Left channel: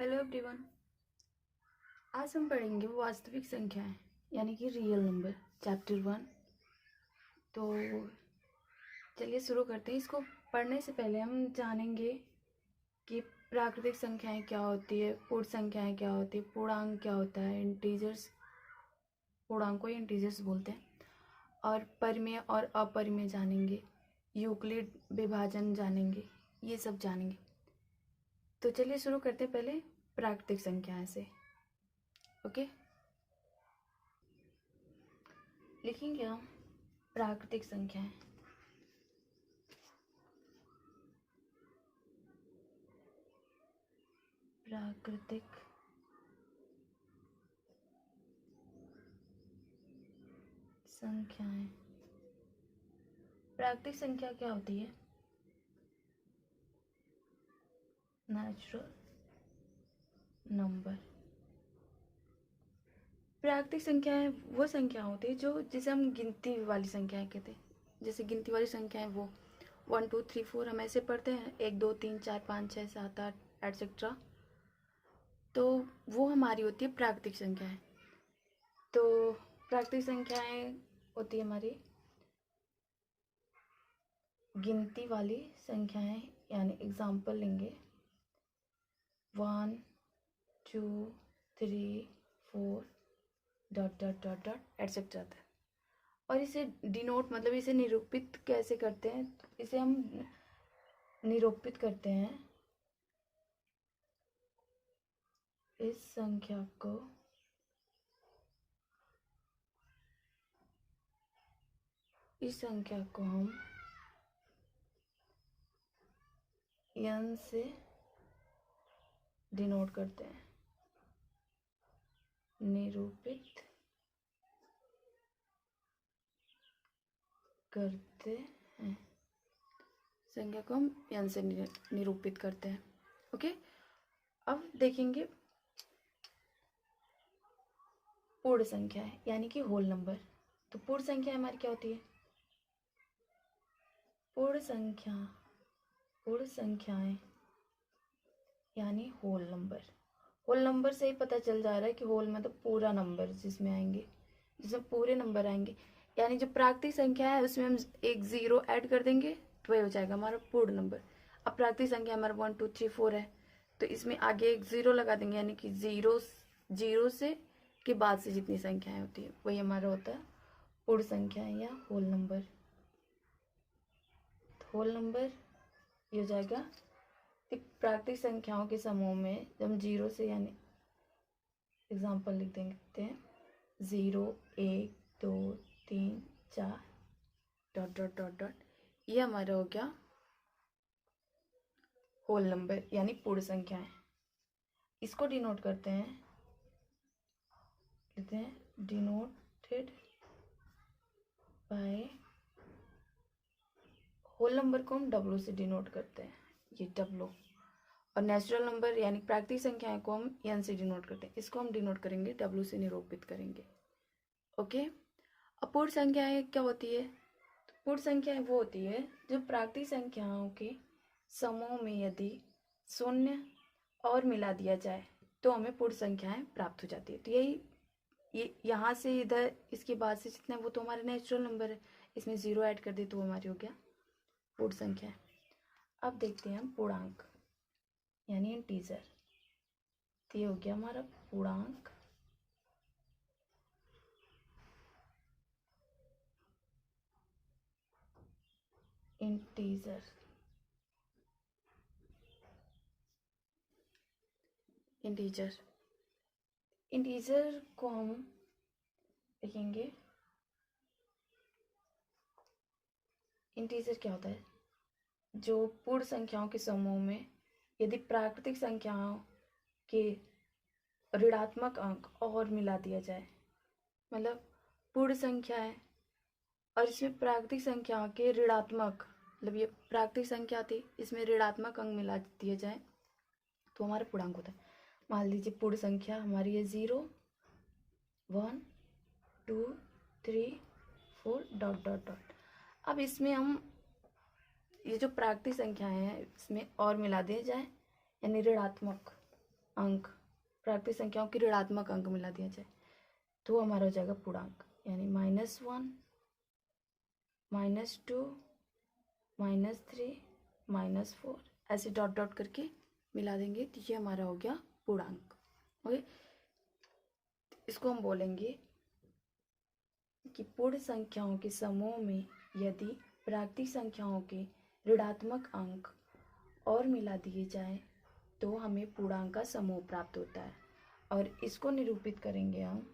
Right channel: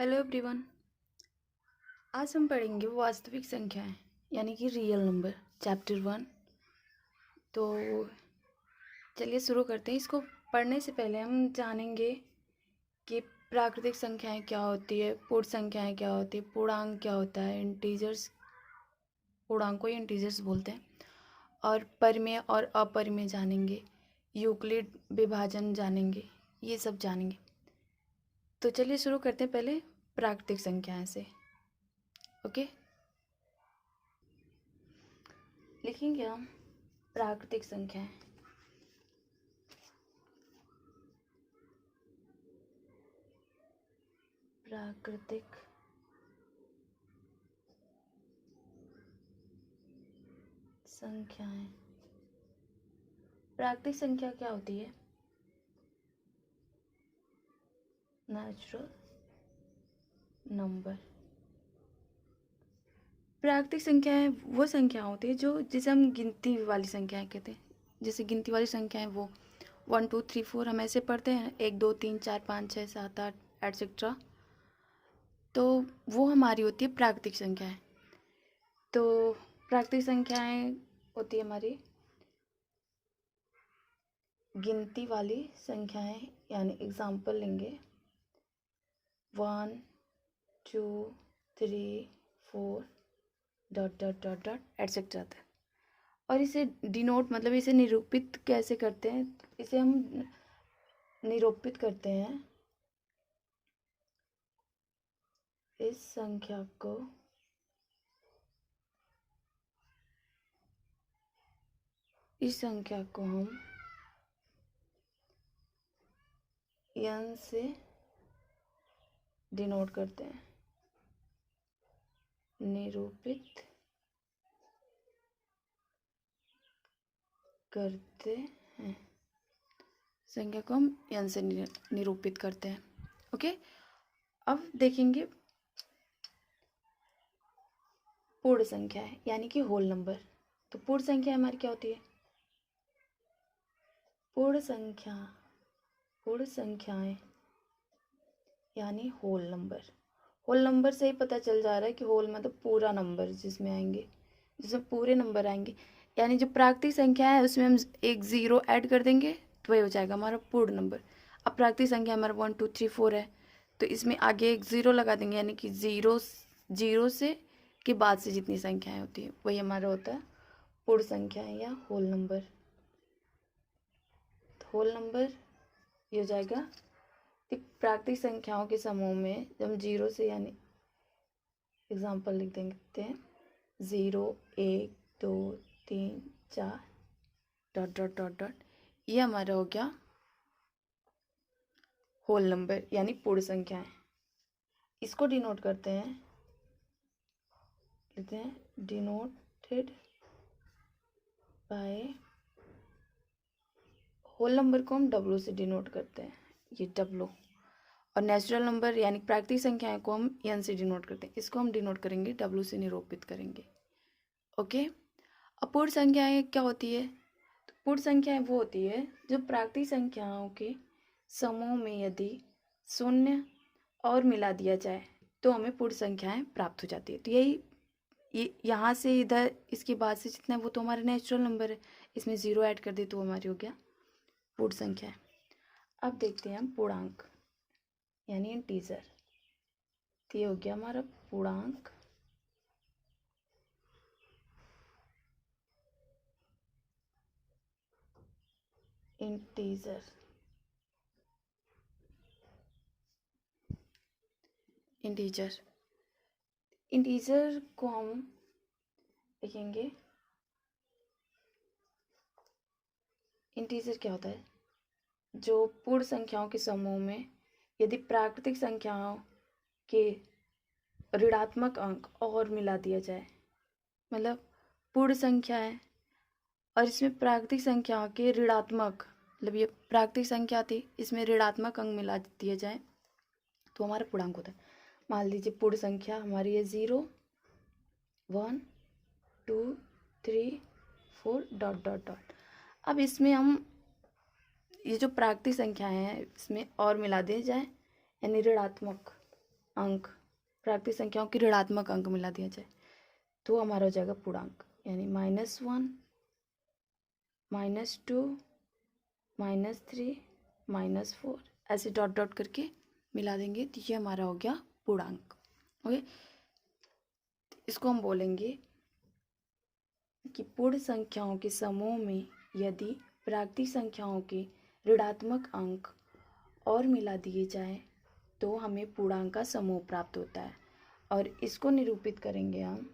Hello everyone. आज हम पढ़ेंगे वास्तविक संख्याएं यानी कि रियल नंबर, चैप्टर 1। तो चलिए शुरू करते हैं। इसको पढ़ने से पहले हम जानेंगे कि प्राकृतिक संख्याएं क्या होती है, पूर्ण संख्याएं क्या होती है, पूर्णांक क्या होता है, इंटीजर्स, पूर्णांक को इंटीजर्स बोलते हैं, और परिमेय और अपरिमेय जानेंगे, यूक्लिड विभाजन जानेंगे, ये सब जानेंगे। तो चलिए शुरू करते हैं पहले प्राकृतिक संख्याएं से। ओके, लिखेंगे हम प्राकृतिक संख्याएं। प्राकृतिक संख्याएं। प्राकृतिक संख्या क्या होती है? Natural number. प्राकृतिक संख्याएं वो संख्या होती है जो जिसे हम गिनती वाली संख्याएं कहते हैं। जैसे गिनती वाली संख्याएं वो 1 2 3 4 हम ऐसे पढ़ते हैं, 1 2 3 4 5 6 7 8 एटसेट्रा। तो वो हमारी होती है प्राकृतिक संख्याएं। तो प्राकृतिक संख्याएं होती है हमारी गिनती वाली संख्याएं, यानी एग्जाम्पल लेंगे 1 2 3 4 dot dot dot dot etcetera तक। और इसे डिनोट मतलब इसे निरूपित कैसे करते हैं? इसे हम निरूपित करते हैं इस संख्या को हम n से डिनोट करते हैं, निरूपित करते हैं। संख्या को हम n से निरूपित करते हैं। ओके, अब देखेंगे पूर्ण संख्या है यानी कि होल नंबर। तो पूर्ण संख्या हमारी क्या होती है? पूर्ण संख्याएं यानी होल नंबर। होल नंबर से ही पता चल जा रहा है कि होल मतलब पूरा नंबर जिसमें आएंगे, जिसमें पूरे नंबर आएंगे। यानी जो प्राकृतिक संख्या है उसमें हम एक ज़ीरो ऐड कर देंगे तो वही हो जाएगा हमारा पूर्ण नंबर। अब प्राकृतिक संख्या हमारा 1 2 3 4 है, तो इसमें आगे एक ज़ीरो लगा देंगे, यानी कि जीरो से के बाद से जितनी संख्याएं होती है वही हमारा होता है पूर्ण संख्या या होल नंबर। होल नंबर ये हो जाएगा एक प्राकृतिक संख्याओं के समूह में जब हम जीरो से, यानी एग्जाम्पल लिख देते हैं 0 1 2 3 4 डॉट डॉट डॉट डॉट, ये हमारा हो गया होल नंबर यानी पूर्ण संख्या है। इसको डिनोट करते हैं, कहते हैं डिनोटेड बाय, होल नंबर को हम डब्ल्यू से डिनोट करते हैं, ये डब्ल्यू। और नेचुरल नंबर यानी प्राकृतिक संख्याएं को हम एन से डिनोट करते हैं, इसको हम डिनोट करेंगे डब्ल्यू से निरूपित करेंगे। ओके, अपूर्ण संख्याएं क्या होती है? तो पूर्ण संख्याएं वो होती है जो प्राकृतिक संख्याओं के समूह में यदि शून्य और मिला दिया जाए तो हमें पूर्ण संख्याएं प्राप्त हो जाती है। तो यही ये यहाँ से इधर इसके बाद से जितना है वो तो हमारा नेचुरल नंबर है, इसमें ज़ीरो ऐड कर दे तो हमारी हो गया पूर्ण संख्या। अब देखते हैं हम पूर्णांक यानी इंटीजर। तो ये हो गया हमारा पूर्णांक। इंटीजर इंटीजर इंटीजर को हम लिखेंगे, इंटीजर क्या होता है? जो पूर्ण संख्याओं के समूह में यदि प्राकृतिक संख्याओं के ऋणात्मक अंक और मिला दिया जाए, मतलब पूर्ण संख्या है और इसमें प्राकृतिक संख्याओं के ऋणात्मक, मतलब ये प्राकृतिक संख्या थी, इसमें ऋणात्मक अंक मिला दिया जाए तो हमारा पूर्णांक होता है। मान लीजिए पूर्ण संख्या हमारी है 0 1 2 3 4 डॉट डॉट डॉट। अब इसमें हम ये जो प्राकृतिक संख्याएं हैं इसमें और मिला दिया जाए, यानी ऋणात्मक अंक, प्राकृतिक संख्याओं की ऋणात्मक अंक मिला दिया जाए तो हमारा हो जाएगा पूर्णांक, यानी -1, -2, -3, -4 ऐसे डॉट डॉट करके मिला देंगे तो ये हमारा हो गया पूर्णांक। ओके, इसको हम बोलेंगे कि पूर्ण संख्याओं के समूह में यदि प्राकृतिक संख्याओं के ऋणात्मक अंक और मिला दिए जाए तो हमें पूर्णांक का समूह प्राप्त होता है। और इसको निरूपित करेंगे हम,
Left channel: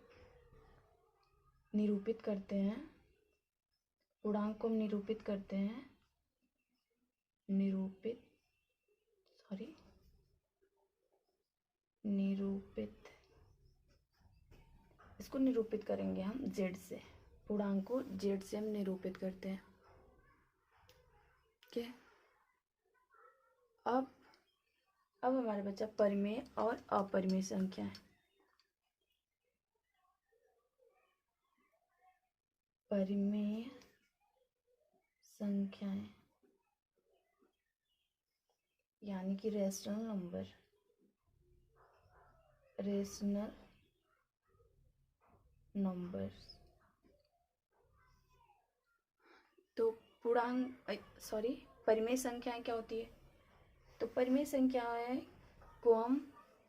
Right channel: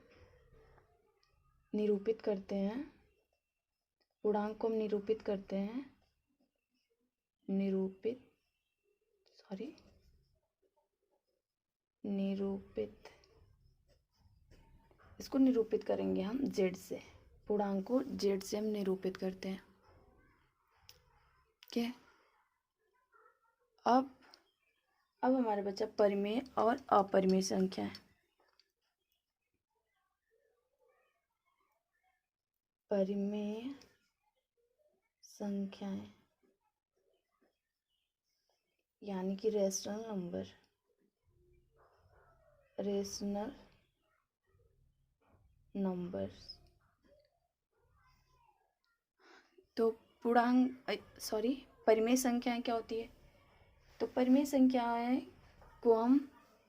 निरूपित करते हैं, पूर्णांक को हम निरूपित करते हैं, निरूपित इसको निरूपित करेंगे हम z से, पूर्णांक को z से हम निरूपित करते हैं। ठीक है, अब हमारे बचा परिमेय और अपरिमेय संख्या। परिमेय संख्याएं यानी कि रेशनल नंबर्स। तो परिमेय संख्याएं क्या होती है? तो परिमेय संख्याएं को हम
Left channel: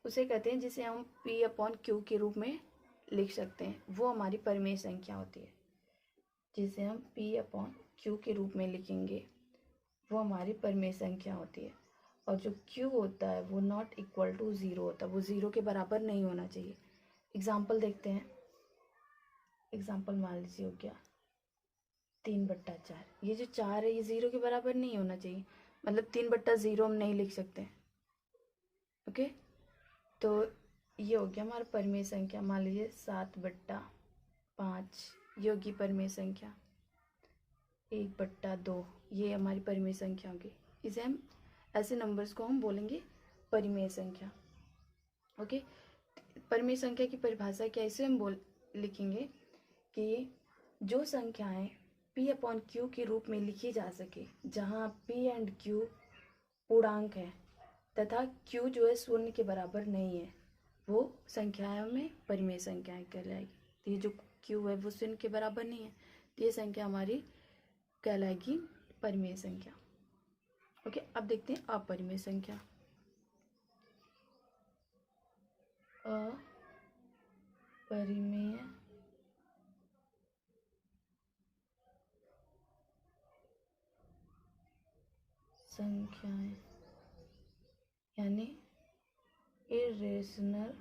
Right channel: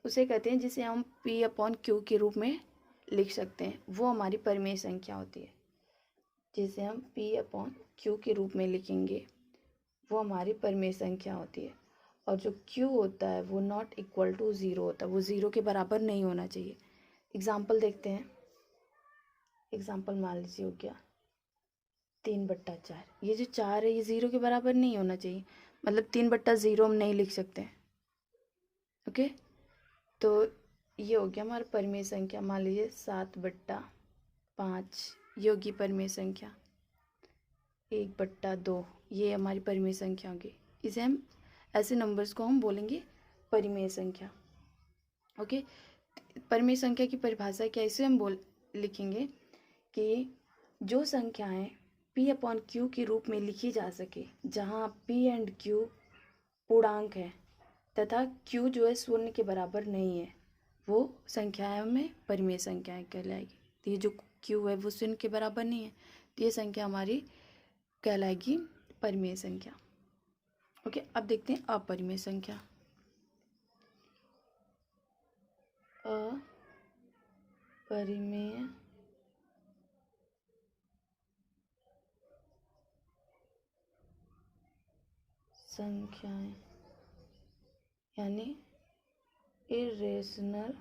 उसे कहते हैं जिसे हम P/Q के रूप में लिख सकते हैं, वो हमारी परिमेय संख्या होती है। जिसे हम P/Q के रूप में लिखेंगे वो हमारी परिमेय संख्या होती है। और जो Q होता है वो नॉट इक्वल टू 0 होता है, वो 0 के बराबर नहीं होना चाहिए। एग्जाम्पल देखते हैं, एग्जाम्पल मान लीजिए हो गया 3/4। ये जो 4 है ये 0 के बराबर नहीं होना चाहिए, मतलब 3/0 हम नहीं लिख सकते। ओके, तो ये हो गया हमारा परिमेय संख्या। मान लीजिए 7/5 ये होगी परिमेय संख्या। 1/2 ये हमारी परिमेय संख्या होगी। इसे हम ऐसे नंबर्स को हम बोलेंगे परिमेय संख्या। ओके, परिमेय संख्या की परिभाषा क्या, इसे हम लिखेंगे कि जो संख्याएं P/Q के रूप में लिखी जा सके, जहां P एंड Q पूर्णांक है तथा Q जो है 0 के बराबर नहीं है, वो संख्याएं में परिमेय संख्याएं कहलाएगी। तो ये जो Q है वो 0 के बराबर नहीं है, तो ये संख्या हमारी कहलाएगी परिमेय संख्या। ओके, अब देखते हैं अपरिमेय संख्या। अपरिमेय संख्याएं यानी इरेशनल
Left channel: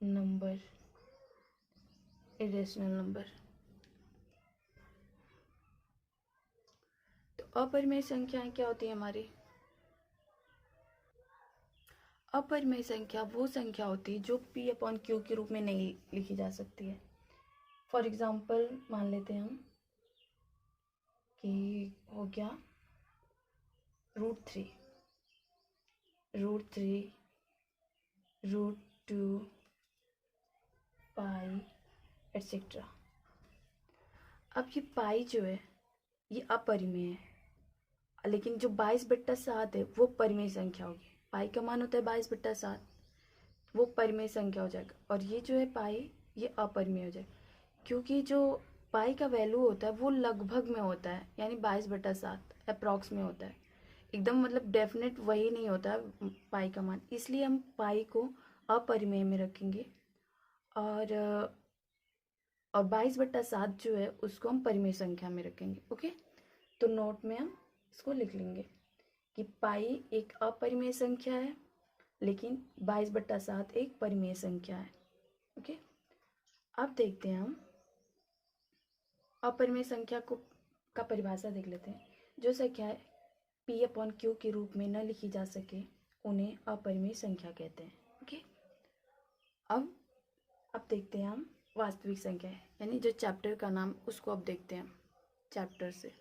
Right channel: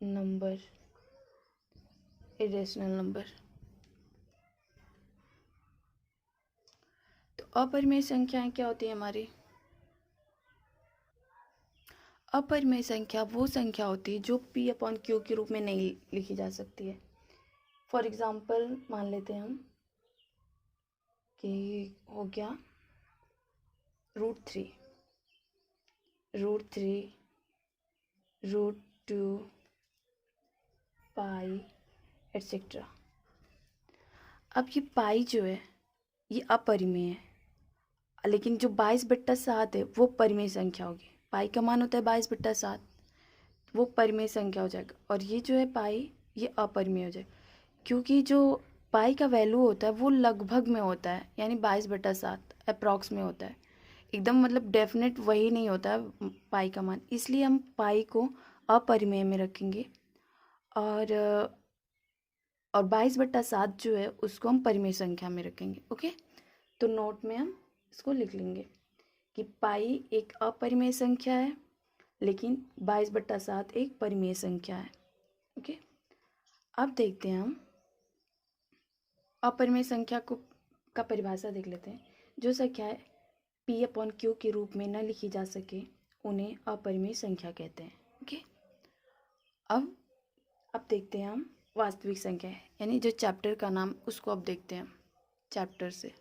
नंबर। तो अपरिमेय संख्याएं क्या होती है हमारी? अपरिमेय संख्या वो संख्या होती है जो P/Q के रूप में नहीं लिखी जा सकती है। फॉर एग्जाम्पल मान लेते हैं हम कि हो गया √3, √2, पाई एटसेट्रा। अब ये पाई जो है ये अपरिमेय है, लेकिन जो 22/7 है वो परिमेय संख्या होगी। पाई का मान होता है 22/7, वो परिमेय संख्या हो जाएगा। और ये जो है पाई ये अपरिमेय हो जाएगा, क्योंकि जो पाई का वैल्यू होता है वो लगभग में होता है, यानी 22/7 अप्रॉक्स में होता है, एकदम मतलब डेफिनेट वही नहीं होता है पाई का मान। इसलिए हम पाई को अपरिमेय में रखेंगे और 22/7 जो है उसको हम परिमेय संख्या में रखेंगे। ओके, तो नोट में हम इसको लिख लेंगे कि पाई एक अपरिमेय संख्या है लेकिन 22/7 एक परिमेय संख्या है। ओके, अब देखते हैं हम अपरिमेय संख्या का परिभाषा देख लेते हैं। जो संख्याएं P/Q के रूप में न लिखी जा सके उन्हें अपरिमेय संख्या कहते हैं। ओके, अब देखते हैं हम वास्तविक संख्या, यानी जो चैप्टर का नाम उसको अब देखते हैं चैप्टर से।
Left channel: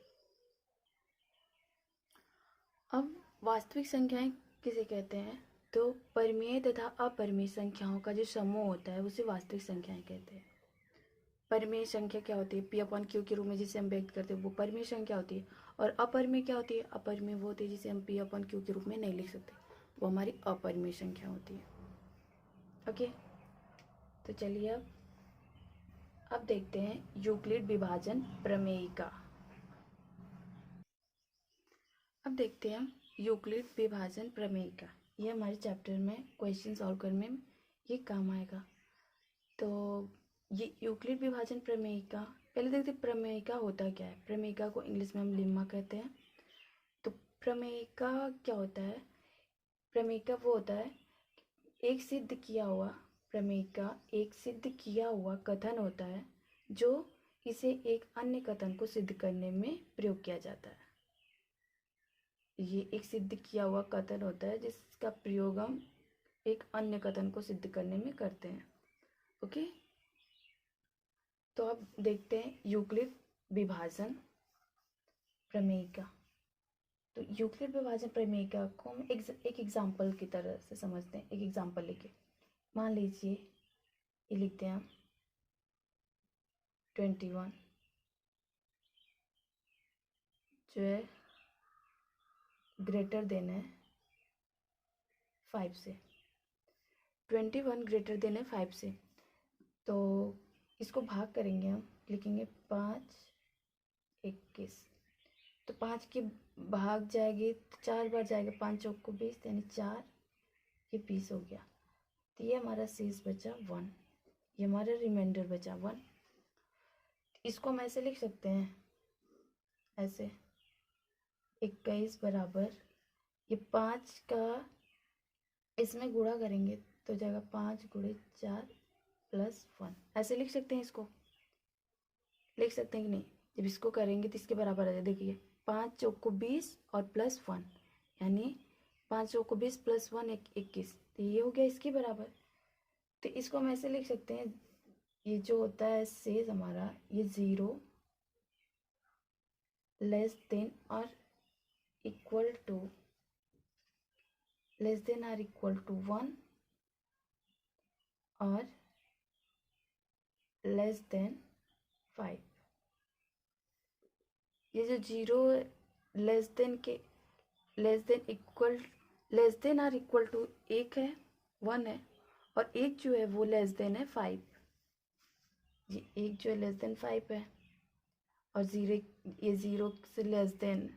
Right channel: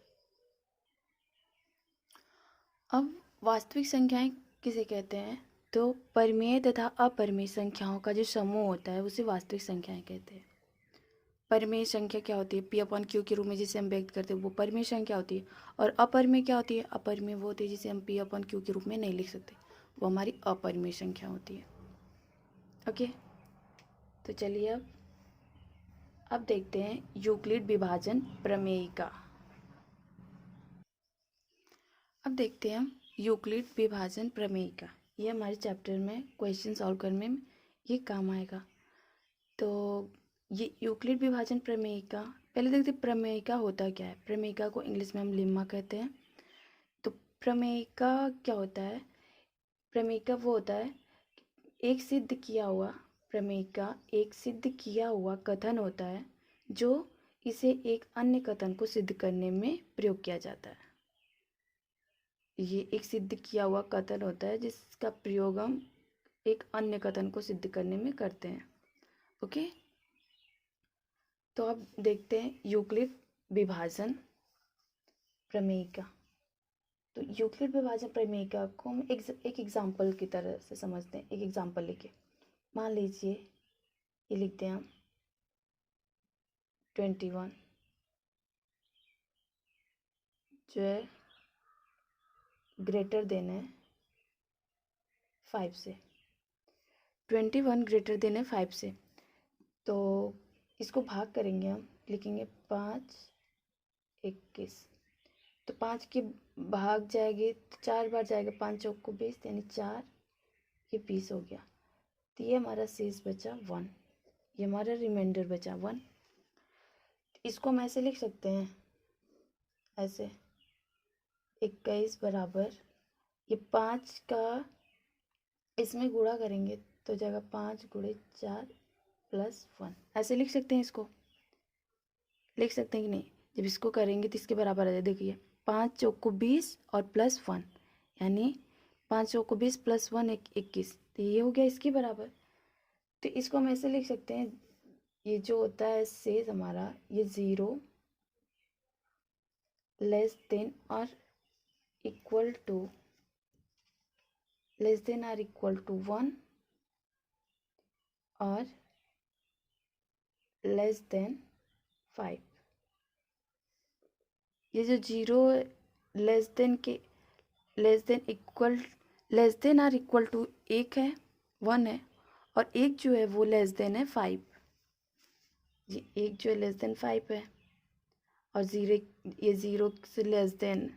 अब वास्तविक संख्याएं किसे कहते हैं? तो परिमेय तथा अपरिमेय संख्याओं का जो समूह होता है उसे वास्तविक संख्याएं कहते हैं। परिमेय संख्या क्या होती है, पी अपॉन क्यू के रूप में जिसे हम व्यक्त करते हैं वो परिमेय संख्या होती है। और अपरिमेय क्या होती है, अपरिमेय वो होती है जिसे हम पी अपॉन क्यू के रूप में नहीं लिख सकते, वो हमारी अपरिमेय संख्या होती है। ओके, तो चलिए अब देखते हैं यूक्लिड विभाजन प्रमेय का। अब देखते हैं यूक्लिड विभाजन प्रमेय का। ये हमारे चैप्टर में क्वेश्चन सॉल्व करने में ये काम आएगा। तो ये यूक्लिड विभाजन प्रमेयिका, पहले देखते हैं प्रमेयिका होता क्या है। प्रमेयिका को इंग्लिश में हम लेम्मा कहते हैं। तो प्रमेयिका क्या होता है, प्रमेयिका वो होता है एक सिद्ध किया हुआ, प्रमेयिका एक सिद्ध किया हुआ कथन होता है जो इसे एक अन्य कथन को सिद्ध करने में प्रयोग किया जाता है। ये एक सिद्ध किया हुआ कथन होता है जिसका प्रयोग हम एक अन्य कथन को सिद्ध करने में करते हैं। ओके, तो अब देखते हैं यूक्लिड विभाजन प्रमेयिका। तो यूक्लिड विभाजन प्रमेयिका को हम एक एग्जाम्पल की तरह से समझते हैं। एक एग्जाम्पल लेके मान लीजिए ये लिखते हैं हम 21 जो है ग्रेटर देन है 5 से, 21 ग्रेटर देन है 5 से। तो इसको भाग करेंगे हम, लिखेंगे 5 21। तो 5 के भाग जाएगी तो 4 बार जाएगा, 5 चौक को 20 यानी 4, ये 20 हो गया। तो ये हमारा शेष बचा 1, ये हमारा रिमाइंडर बचा 1। इसको हम ऐसे लिख सकते हैं, ऐसे 21 बराबर ये 5 का इसमें गुणा करेंगे तो जाएगा 5 गुणे 4 प्लस 1, ऐसे लिख सकते हैं। इसको लिख सकते हैं कि नहीं, जब इसको करेंगे तो इसके बराबर आ जाए। देखिए 5 चौक को 20 और प्लस 1 यानी 5 चौक को 20 प्लस 1 21, तो ये हो गया इसके बराबर। तो इसको हम ऐसे लिख सकते हैं, ये जो होता है शेष हमारा ये 0 लेस देन और इक्वल टू लेस देन और इक्वल टू 1 और लेस देन 5। ये जो 0 लेस देन के less than equal less than और इक्वल टू 1 है 1 है, और एक जो है वो लेस देन है 5। ये एक जो है लेस देन 5 है और ये 0 से लेस देन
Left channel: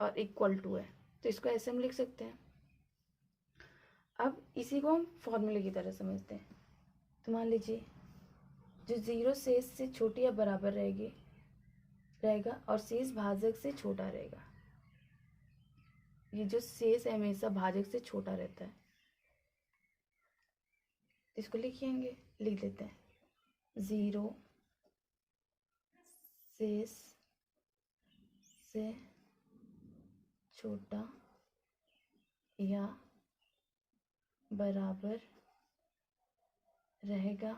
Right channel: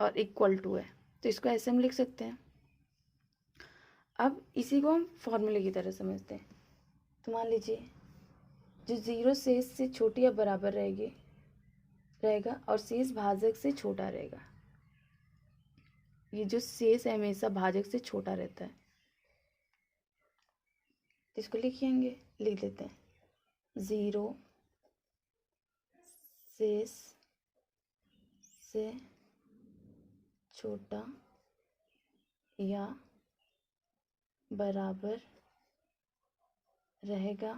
और इक्वल टू है, तो इसको ऐसे हम लिख सकते हैं। अब इसी को हम फॉर्मूले की तरह समझते हैं। तो मान लीजिए जो 0 शेष से छोटी या बराबर रहेगा और शेष भाजक से छोटा रहेगा। ये जो शेष है हमेशा भाजक से छोटा रहता है, इसको लिख लेते हैं 0 शेष से छोटा या बराबर रहेगा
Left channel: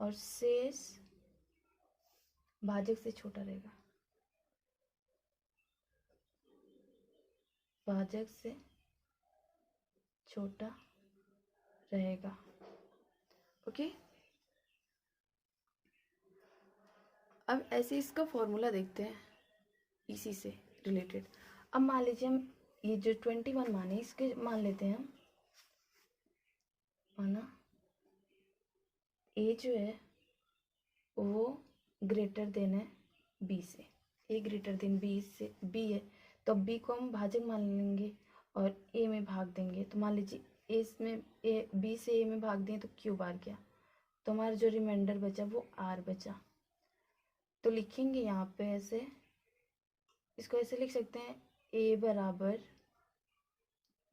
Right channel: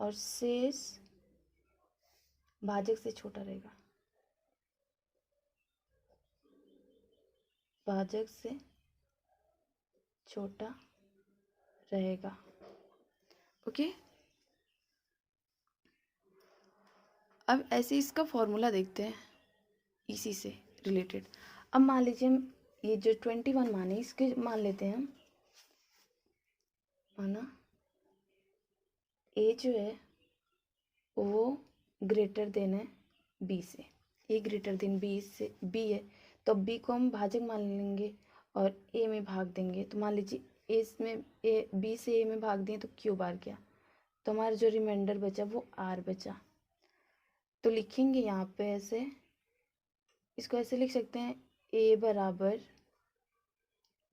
और शेष भाजक से छोटा रहेगा, भाजक से छोटा रहेगा। ओके, अब ऐसे इसका फॉर्मूला देखते हैं इसी से रिलेटेड। अब मान लीजिए हम ये जो 21 माने इसके मान लेते हैं हम, माना ए जो है वो ग्रेटर देन है बी से, ए ग्रेटर देन बी से बी है तो बी को हम भाजक मान लेंगे और ए में भाग देंगे। तो मान लीजिए ए इसमें ए बी से ए में भाग दें तो क्यू बार गया, तो हमारा जो रिमाइंडर बचा वो आर बचा। तो लिखेंगे यहाँ पे ऐसे, इसको ऐसे लिख सकते हैं ए बराबर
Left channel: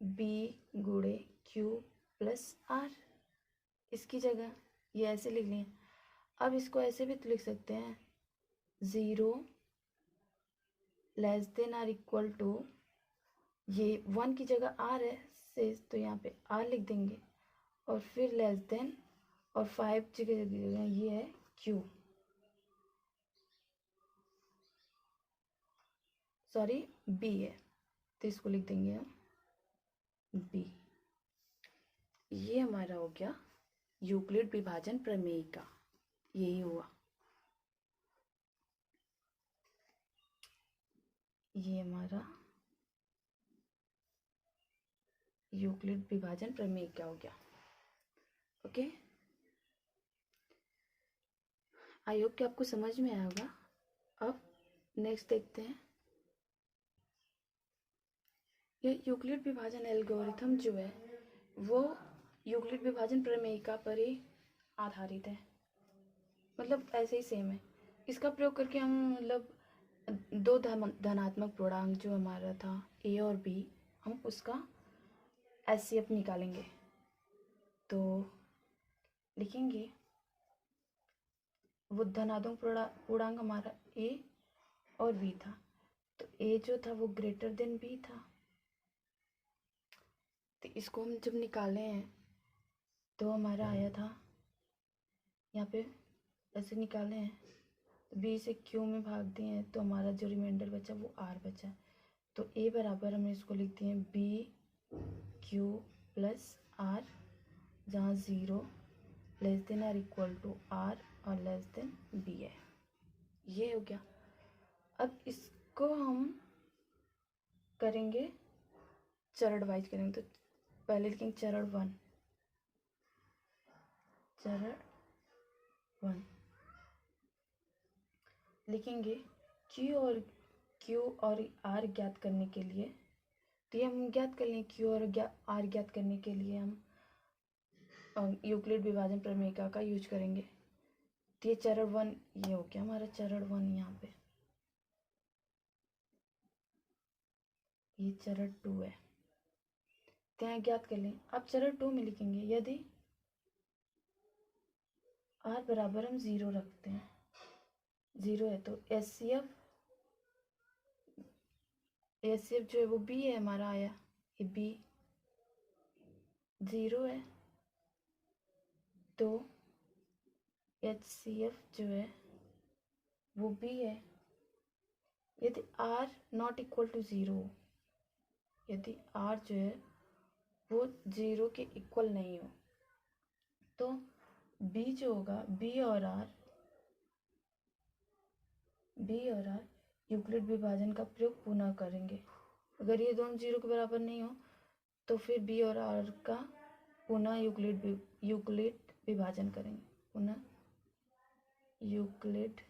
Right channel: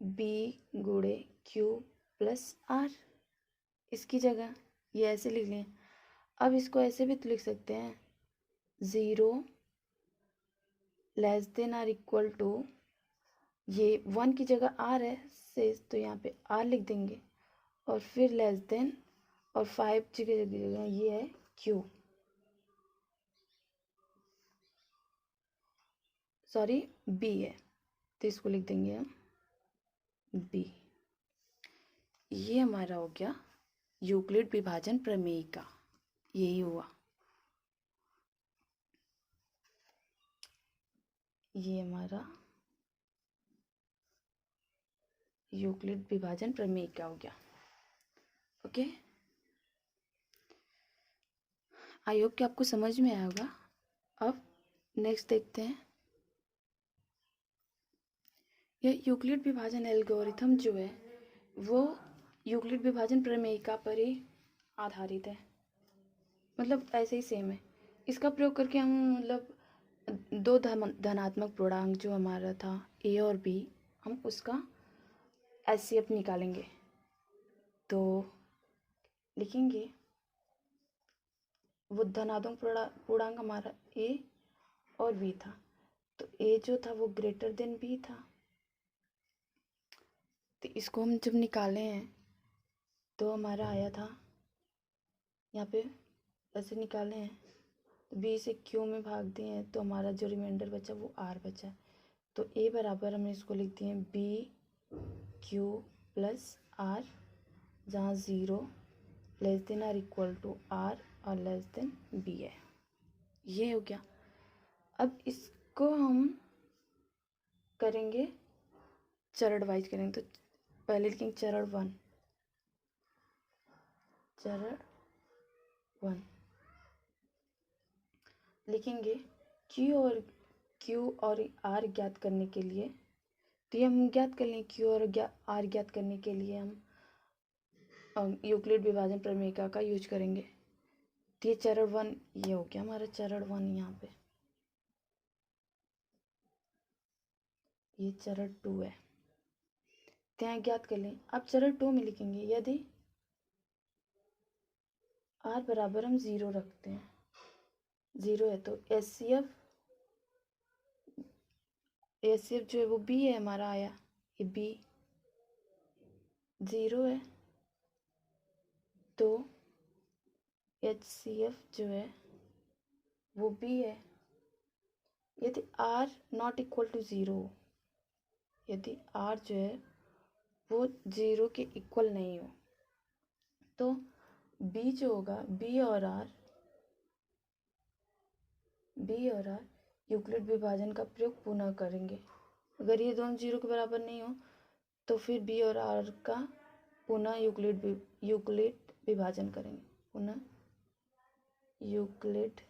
बी गुणे क्यू प्लस आर, इसकी जगह ये ऐसे लिख लें। अब इसको ऐसे भी तो लिख सकते हैं 0 less than or equal to, ये 1 की जगह आर है शेष तो यहाँ पे आर लिख देंगे और फिर लेस देन और 5 जगह ये है क्यू, सॉरी बी है तो इसको लिख देंगे हम बी। ये हमारा हो गया यूक्लिड विभाजन प्रमेय का, यही हुआ। ये हमारा यूक्लिड विभाजन प्रमेय का हो गया। ओके, आई होप कि आपको समझ में आया होगा। अब नेक्स्ट देखते हैं। यह यूक्लिड विभाजन एल्गोरिथम जो है वो यूक्लिड विभाजन प्रमेयिका पर ही आधारित है, मतलब ऐसे ही सेम है। इसका प्रयोग करके हम मतलब दो धनात्मक पूर्णांक जो हमारा था a और b, हम उसका HCF निकालेंगे। तो लिखेंगे वो धनात्मक पूर्णांक हमारा a और b था, तो a जो था वो ग्रेटर देन b था। तो इसको हम जब निकाले हैं तो हमारा आया था यहाँ पे ऐसे निकाले हैं, तो b से q में भाग दिए हैं, तो हमारा जो रिमाइंडर बचा वो r बचा। तो a बराबर हमने इसको लिख दिए हैं b q प्लस r, जहाँ 0 less than or equal to r और लेस देन b है। ये हो गया। अब इसको हम करेंगे चरण वाइज करेंगे। तो पहले लिखेंगे चरण 1, चरण 1 लिखेंगे Q और R ज्ञात करने के लिए। तो ये हम ज्ञात कर लें, Q और R ज्ञात करने के लिए हम यूक्लिड विभाजन प्रमेयिका का यूज करेंगे। तो ये चरण 1 ये हो गया हमारा चरण 1। यहाँ पे ये चरण 2 है, तो यहाँ ज्ञात कर लें। अब चरण 2 में लिखेंगे यदि R बराबर हम 0 रखते हैं, 0 है तो HCF जो है वो B है हमारा आया, ये B 0 है तो HCF जो है वो B है। यदि R नॉट इक्वल टू 0, यदि R जो है वो 0 के इक्वल नहीं हो, तो B जो होगा B और R यूक्लिड विभाजन का प्रयोग पुनः करेंगे। अगर ये दोनों 0 के बराबर नहीं हो तो फिर B और R का पुनः यूक्लिड विभाजन करेंगे, पुनः यूक्लिड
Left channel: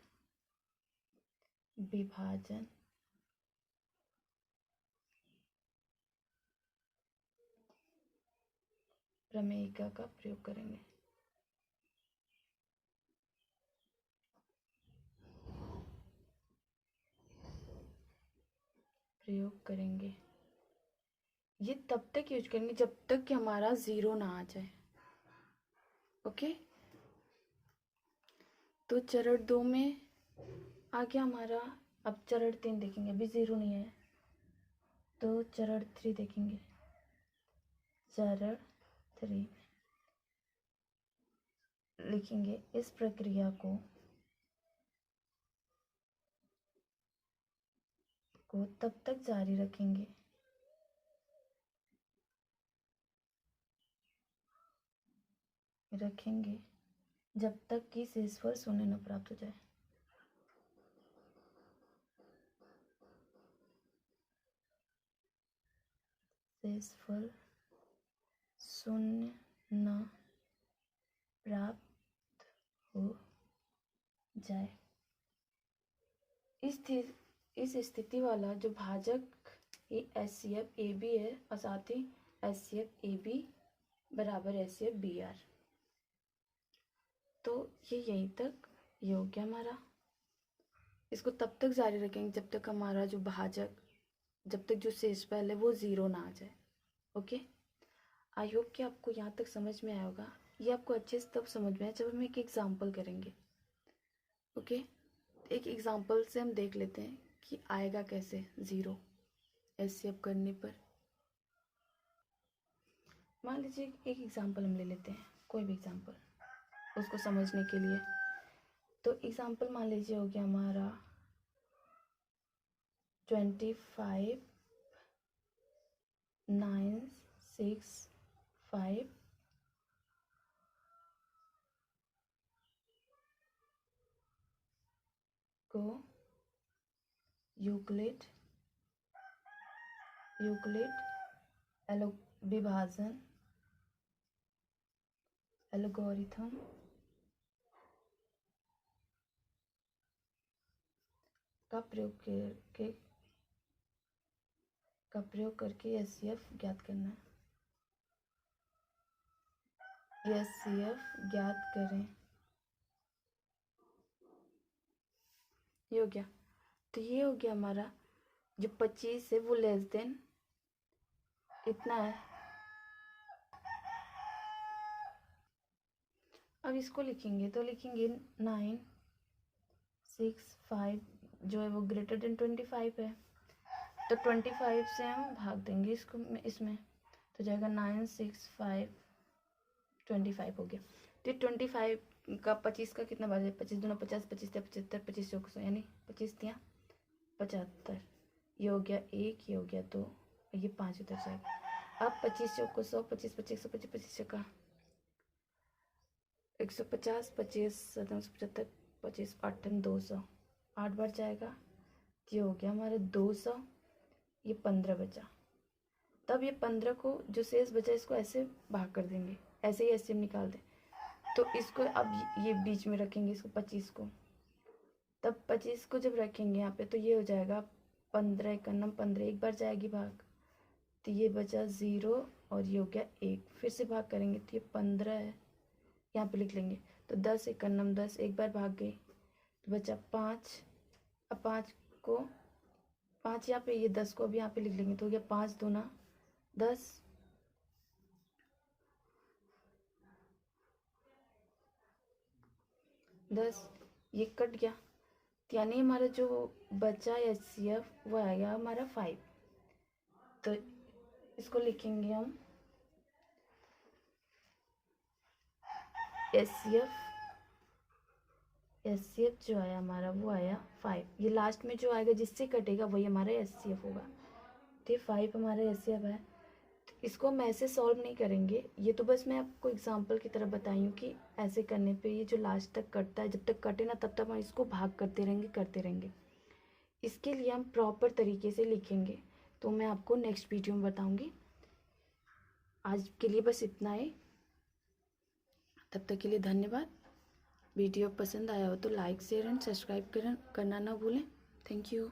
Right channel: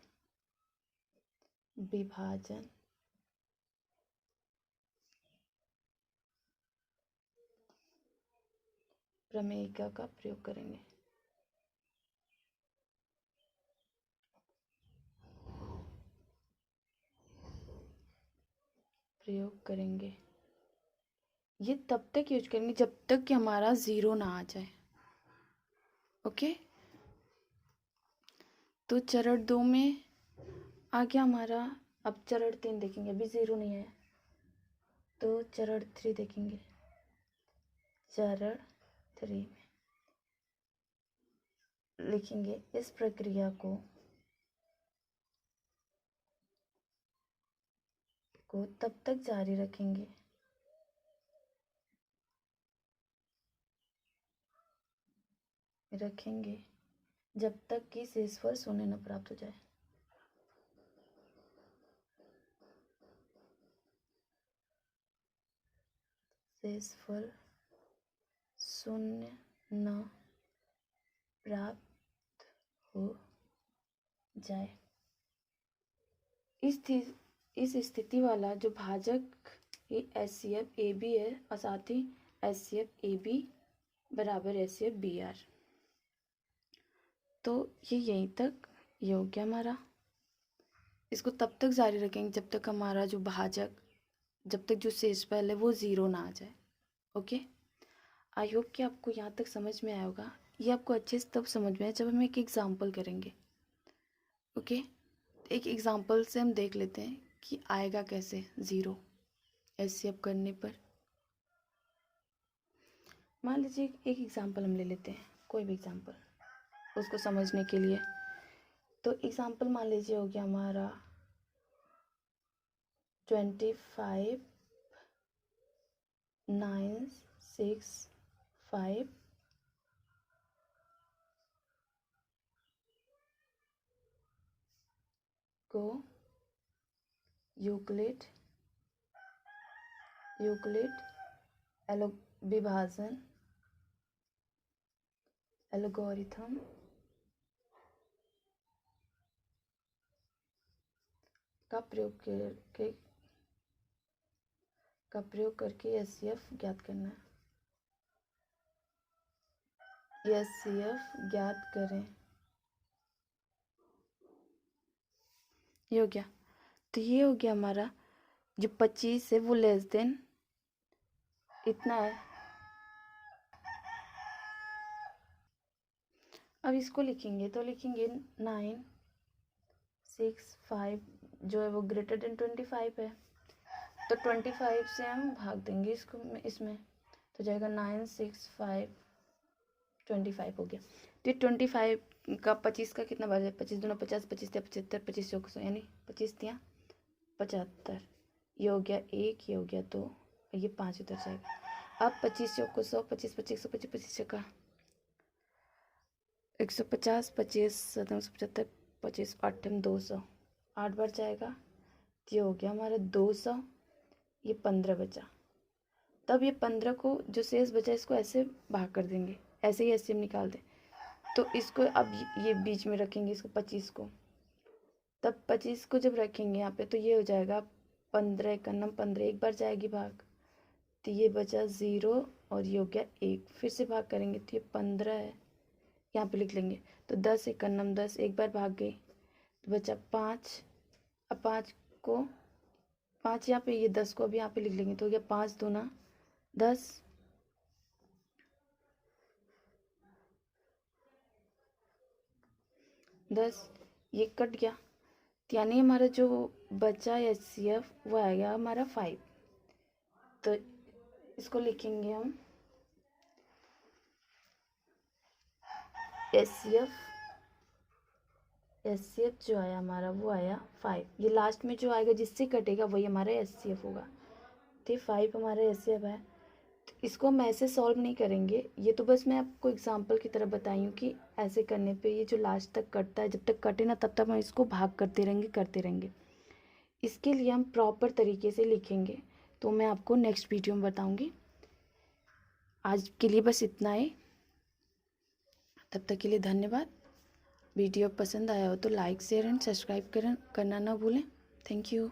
विभाजन प्रमेयिका का प्रयोग करेंगे। ये तब तक यूज करेंगे जब तक कि हमारा 0 ना आ जाए। ओके, तो चरण 2 में आ गया हमारा। अब चरण 3 देखेंगे, अभी 0 नहीं है तो चरण 3 देखेंगे। चरण 3 लिखेंगे इस प्रक्रिया को तब तक जारी रखेंगे जब तक कि शेषफल शून्य न प्राप्त हो जाए। शेषफल शून्य न प्राप्त हो जाए। इस स्थिति वाला जो भाजक ये HCF AB है और साथ ही HCF AB बराबर HCF BR। तो ये यहीं तक ये हो गया हमारा। इसको तब तक जारी रखेंगे जब तक हमारा जो भाजक, जब तक जो शेषफल है वो 0 ना आ जाए। ओके, आई होप कि आपको यहाँ तक समझ में आया होगा। ये आपको अच्छे से तब समझ में आए जब हम एक एग्जाम्पल करेंगे। ओके, एक एग्जाम्पल से हम देख लेते हैं कि आएगा कैसे 0 HCF करने पर। मान लीजिए एक एग्जाम्पल हम ले लेते हैं, कोई भी एग्जाम्पल उसको समझने के लिए। तो एग्जाम्पल मान लीजिए हो गया हमारा 25 9 6 5 को यूक्लिड विभाजन एल्गोरिथम का प्रयोग करके एचसीएफ ज्ञात करना है। एचसीएफ ज्ञात करें। ये हो गया। तो ये हो गया हमारा जो 25 है वो लेस देन इतना है। अब इसको लिखेंगे तो लिखेंगे 9, 6, 5 जो है वो ग्रेटर देन 25 है, तो 25 से हम भाग देंगे इसको इसमें, तो जाएगा 9, 6, 5 25 हो गया। तो 25 का 25 का कितना बार है, 25 दूना 50, 25 या 75, 25 चौक 100 यानी 25 तिया 75। ये हो गया 1, ये हो गया 2, ये 5 उधर जाएगा। अब 25 चौक 100, 25 25 125, 25 चौका 150, 25 775, 25 8 200, 8 बार जाएगा। ये हो गया हमारा 200, ये 15 बचा। तब ये 15 को जो शेष बचा इसको ऐसे भाग कर देंगे, ऐसे ही ऐसे निकाल दें। तो इसको अब ये बीच में रखेंगे इसको 25 को, तब 25 को जब रखेंगे यहाँ पे तो ये हो जाएगा 15 1 15, एक बार जाएगी भाग, तो ये बचा 0 और ये हो गया 1। फिर से भाग करेंगे तो ये 15 है, यहाँ पे लिख लेंगे। तो 10 1 10, एक बार भाग गई तो बचा 5। अब 5 को 5 यहाँ पे, ये 10 को अब यहाँ पे लिख लेंगे तो हो गया 5 दूना 10, ये कट गया। यानी हमारा जो बचा एचसीएफ वो आएगा हमारा 5। तो इसको लिखेंगे हम एचसीएफ जो आया हमारा वो आया 5। ये लास्ट में जो आएगा जिससे कटेगा वही हमारा एचसीएफ होगा। तो 5 हमारा एचसीएफ है। तो इसको हम ऐसे सॉल्व नहीं करेंगे, ये तो बस मैं आपको एग्जांपल की तरह बताई हूँ कि ऐसे करने पे ये जो लास्ट तक कटता है, जब तक कटे ना तब तक हम इसको भाग करते रहेंगे। इसके लिए हम प्रॉपर तरीके से लिखेंगे तो मैं आपको नेक्स्ट वीडियो में बताऊंगी। आज के लिए बस इतना ही, तब तक के लिए धन्यवाद। वीडियो पसंद आया हो तो लाइक शेयर एंड सब्सक्राइब करना ना भूलें। Thank you.